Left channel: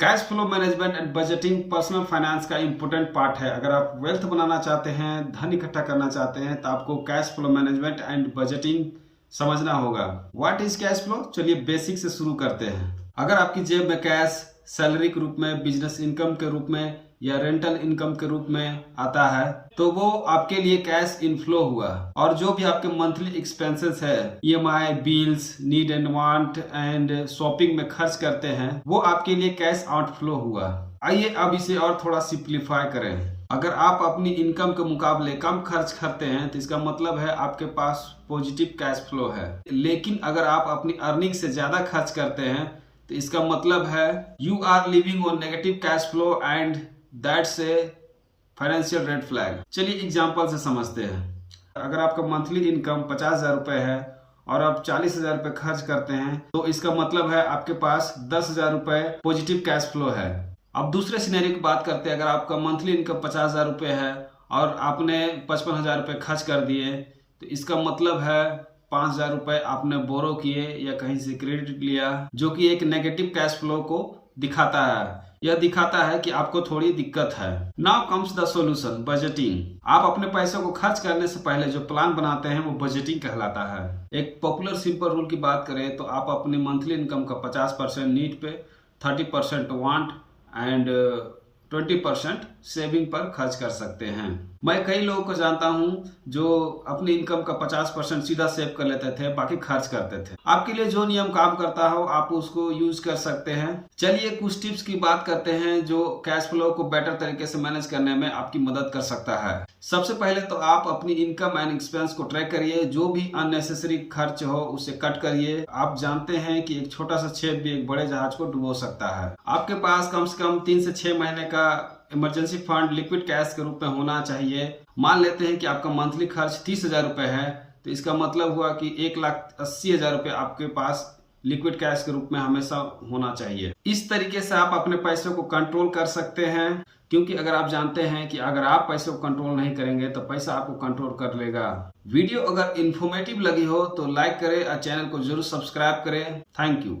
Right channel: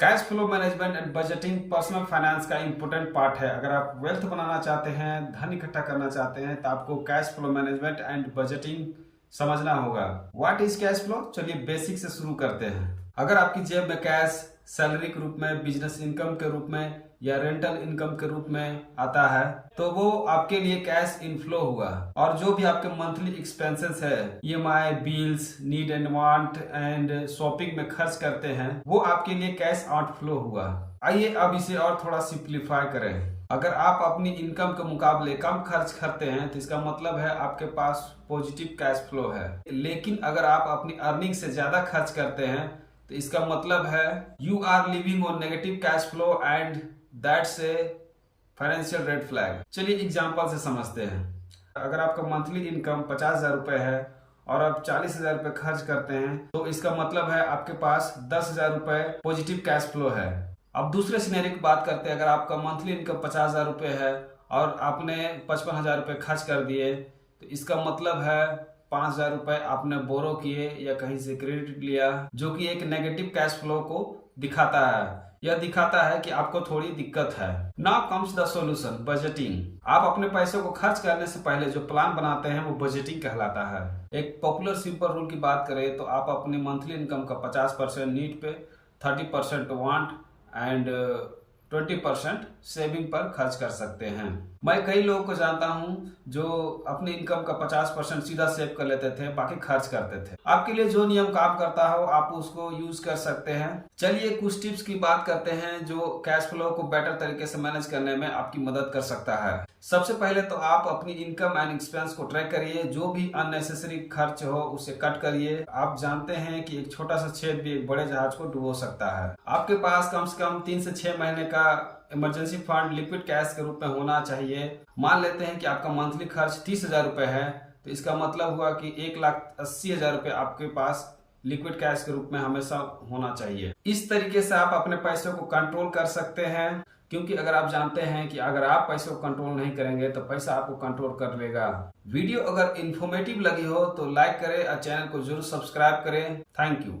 Cash flow management and budgeting personal finance का important part है। अगर आप वेल्थ बनाना चाहते हैं, धन इकट्ठा करना चाहते हैं, तो आपको cash flow management and budgeting समझना होगा। What is cash flow? चलिए बेसिक से शुरू करते हैं। अगर आपकी जेब में कैश सैलरी के रूप में, बिजनेस इनकम के रूप में या रेंटल इनकम के रूप में आता है तो वो आपके लिए कैश इनफ्लो हुआ। और जो भी आपके मंथली एक्सपेंसेस है, EMI, bills, need and want and shopping में खर्च करते हैं, वो आपके लिए कैश आउटफ्लो हुआ। आइए अब इसे और थोड़ा सिंप्लीफाई करें। अगर आप अपनी इनकम के मुकाबले कम खर्च करते हैं तो इसका मतलब है आपके पास पॉजिटिव कैश फ्लो है। लेकिन अगर आप अपनी अर्निंग से ज्यादा खर्च करते हैं तो इसका मतलब है you are living on negative cash flow and that's a financial red flag. चलिए एग्जांपल से समझते हैं। अगर आपका मंथली इनकम 50,000 रुपए है और आप 40,000 रुपए खर्च करते हैं तो इसका मतलब है आपके पास 10,000 रुपए पॉजिटिव कैश फ्लो है। अब दूसरे सिनेरियो की बात करते हैं। अगर आपका मंथली इनकम 50,000 रुपए है और आपने 55,000 रुपए खर्च कर दिए तो इसका मतलब है 5,000 रुपए आपने बोरो किए या कहीं से क्रेडिट लिया, जो कि एक नेगेटिव कैश फ्लो को दिखाता है। यह दिखाता है कि आपको थोड़ी दिक्कत है। Now comes the solution, budgeting. आप अपने पैसों को खर्च करने से पहले जो प्लान बनाते हैं वो बजटिंग कहलाता है। एक पॉपुलर सिंपल रूल की बात करें तो आप अपनी मंथली इनकम का 50% नीड पे, 30% वांट एंड 20% सेविंग पर खर्च कर सकते हैं। मैं कई लोगों को जानता हूं जो अपनी इनकम का 50% सीधा सेव कर लेते थे, बाकी खर्च करते थे। आपके लिए जो नियम काम करता हो आप उसको यूज कर सकते हैं। चलिए कुछ टिप्स की बात करते हैं जो कैश फ्लो को बेटर तरीके से मैनेज करने में आपकी मदद कर सकता है। सबसे पहले तो आप अपनी इनकम एंड एक्सपेंस को ट्रैक करिए। जो भी अननेसेसरी खर्च हो उसे कट करिए। आप जानते हैं कि एक छोटा सा छेद भी एक बड़े जहाज को डुबो सकता है। आपके पास कम से कम 3 से 6 महीने का इमरजेंसी फंड लिक्विड कैश के रूप में होना चाहिए। मान लेते हैं कि आपका मंथली खर्च 30,000 रुपए है तो इसका मतलब हुआ कि 1,80,000 रुपए आपके पास लिक्विड कैश के रूप में हमेशा होना चाहिए। इस तरीके से आप अपने पैसों को कंट्रोल कर सकते हैं, क्योंकि अगर आप जानते हैं कि अगर आप पैसों को कंट्रोल नहीं करेंगे तो पैसा आपको कंट्रोल कर लेगा। वीडियो अगर इंफॉर्मेटिव लगी हो तो लाइक करें और चैनल को जरूर सब्सक्राइब करें। Thank you.